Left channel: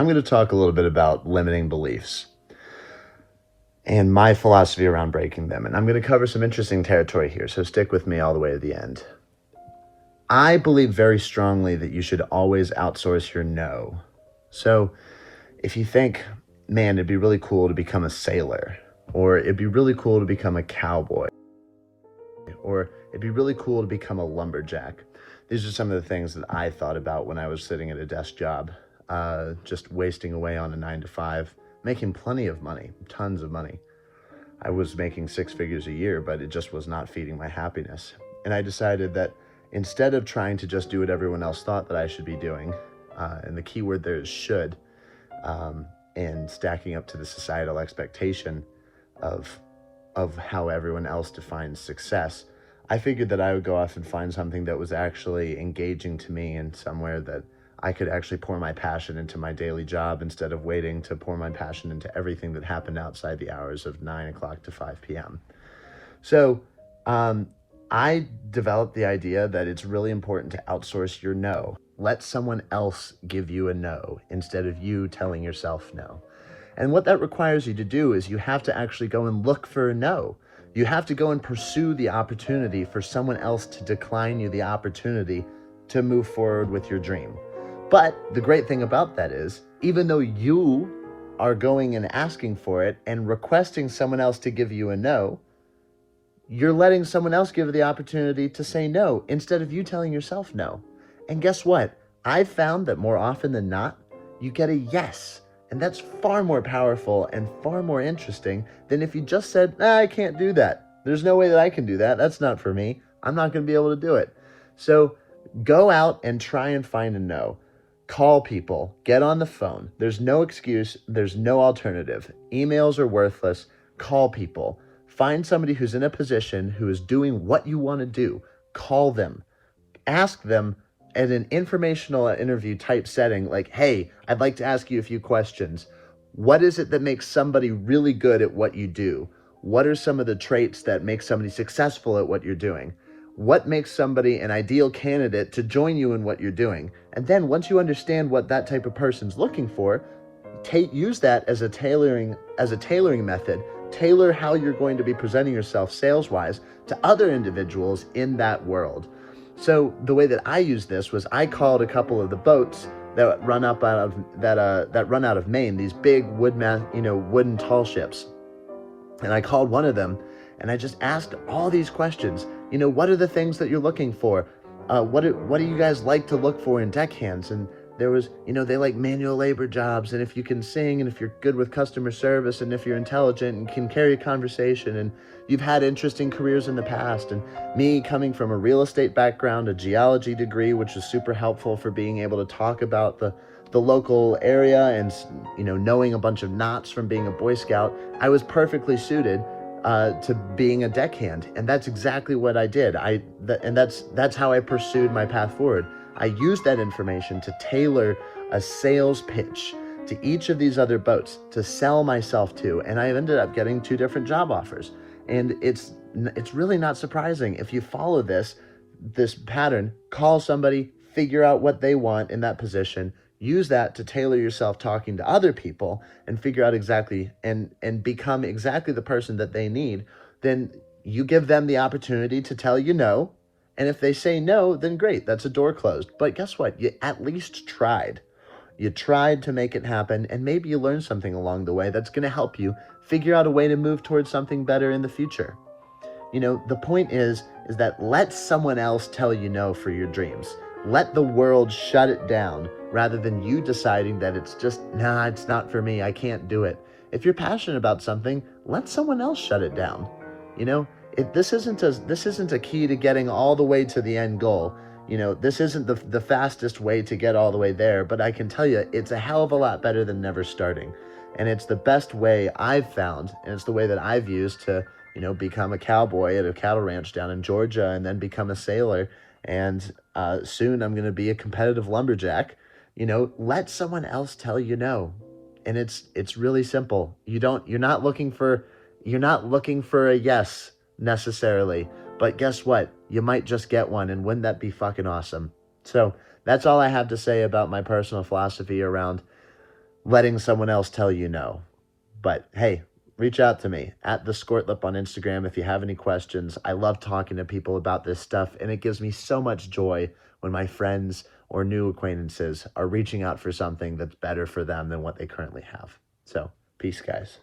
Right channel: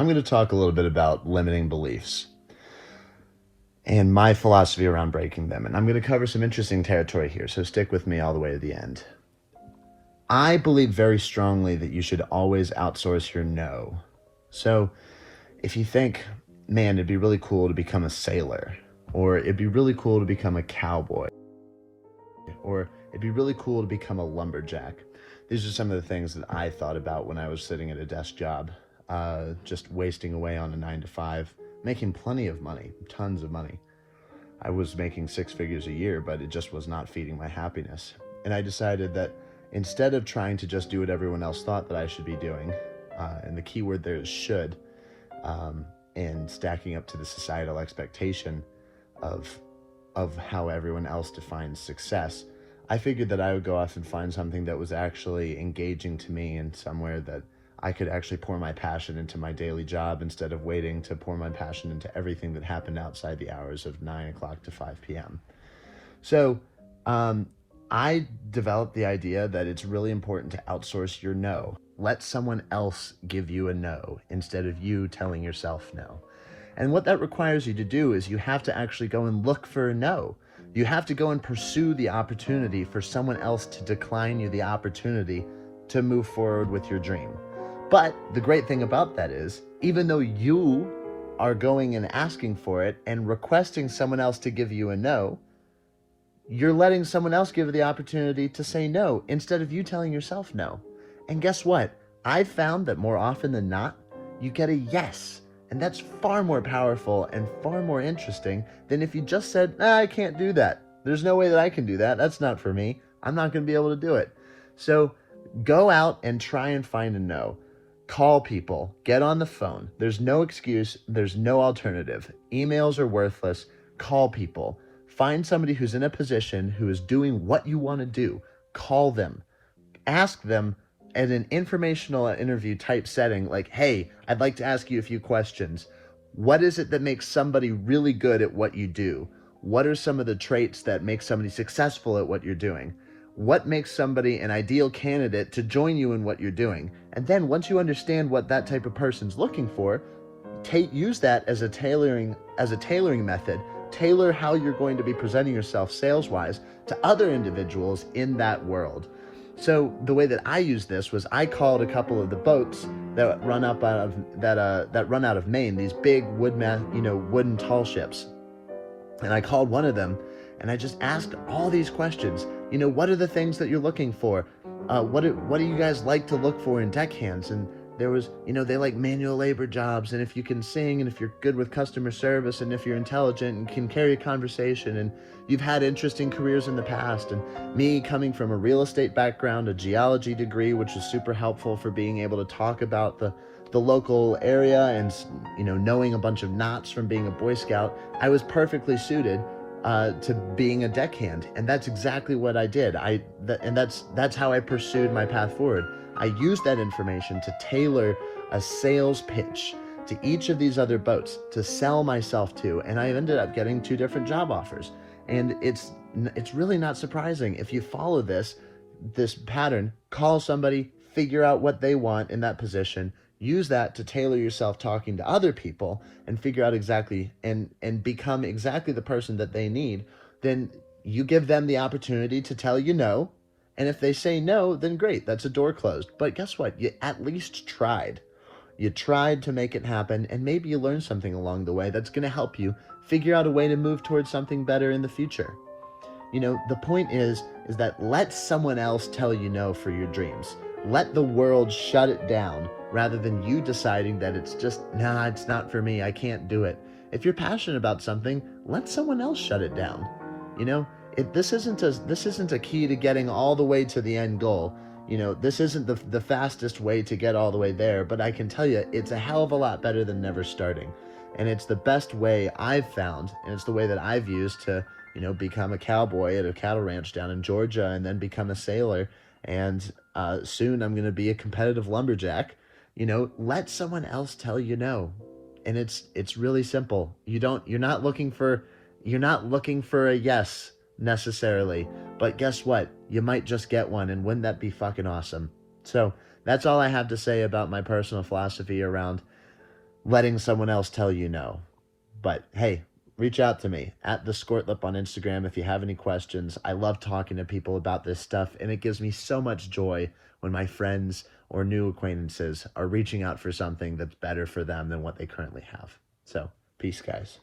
I'm going to talk a little bit about limiting beliefs and my philosophy around breaking them. And I'm going to cover some interesting territory here, so stick with me all the way to the end. I believe very strongly that you should always outsource your no. So if you think, man, it'd be really cool to become a sailor, or it'd be really cool to become a cowboy, or it'd be really cool to become a lumberjack. These are some of the things that I thought about when I was sitting at a desk job, just wasting away on a 9-to-5, making plenty of money, tons of money. I was making 6 figures a year, but it just was not feeding my happiness. And I decided that instead of trying to just do what everyone else thought that I should be doing, and the key word there is should, and stacking up to the societal expectation of how everyone else defines success, I figured that I would go off and find something that was actually engaging to me and somewhere that I could actually pour my passion into my daily job instead of waiting to pour my passion into everything that happened outside the hours of 9 o'clock to 5 p.m. So I developed the idea that it's really important to outsource your no. Let someone else give you a no instead of you telling yourself no. And what that requires you to do is you have to actually go and look for a no. You have to go and pursue the opportunity for someone else to decline you the opportunity to move forward with your dream. But the great thing about that is, even though you are going and asking for it and requesting someone else to give you a no, you're letting someone else give you the opportunity to say no instead of you telling yourself no. And guess what? I've found that more often than not, you get a yes. And that's far more powerful and far more interesting than if you just said, I can't do that. There's no way that I can do that. That's not for me. I'm not going to be able to do it. So go out and try and find a no. Call people. Get on the phone. There's no excuse. There's no alternative. Emails are worthless. Call people. Find somebody who's in a position who is doing what you want to do. Call them. Ask them at an informational interview type setting, like, hey, I'd like to ask you a few questions. What is it that makes somebody really good at what you do? What are some of the traits that make somebody successful at what you're doing? What makes somebody an ideal candidate to join you in what you're doing? And then once you understand what that type of person's looking for, use that as a tailoring method. Tailor how you're going to be presenting yourself sales-wise to other individuals in that world. So the way that I used this was I called a couple of the boats that run out of Maine, these big wooden tall ships. And I called one of them and I just asked all these questions. What are the things that you're looking for? What do you guys like to look for in deckhands? And there was, they like manual labor jobs, and if you can sing, and if you're good with customer service, and if you're intelligent and can carry a conversation, and you've had interesting careers in the past. And me coming from a real estate background, a geology degree, which was super helpful for being able to talk about the local area and, knowing a bunch of knots from being a Boy Scout, I was perfectly suited to being a deckhand. And that's exactly what I did. And that's how I pursued my path forward. I used that information to tailor a sales pitch to each of these other boats to sell myself to, and I ended up getting 2 different job offers. And it's really not surprising if you follow this pattern. Call somebody, figure out what they want in that position, use that to tailor yourself talking to other people, and figure out exactly and become exactly the person that they need. Then you give them the opportunity to tell you no. And if they say no, then great, that's a door closed. But guess what? You at least tried. You tried to make it happen, and maybe you learned something along the way that's going to help you figure out a way to move towards something better in the future. The point is that let someone else tell you no for your dreams. Let the world shut it down rather than you deciding that it's just, it's not for me, I can't do it. If you're passionate about something, let someone else shut it down. This isn't a key to getting all the way to the end goal. This isn't the fastest way to get all the way there, but I can tell you it's a hell of a lot better than never starting. And it's the best way I've found, and it's the way that I've used to, become a cowboy at a cattle ranch down in Georgia, and then become a sailor. And soon I'm going to be a competitive lumberjack. Let someone else tell you no. And it's really simple. You're not looking for a yes necessarily, but guess what? You might just get one, and wouldn't that be fucking awesome? So that's all I have to say about my personal philosophy around letting someone else tell you no. But hey, reach out to me at the Ortlip on Instagram if you have any questions. I love talking to people about this stuff, and it gives me so much joy when my friends or new acquaintances are reaching out for something that's better for them than what they currently have. So, peace, guys.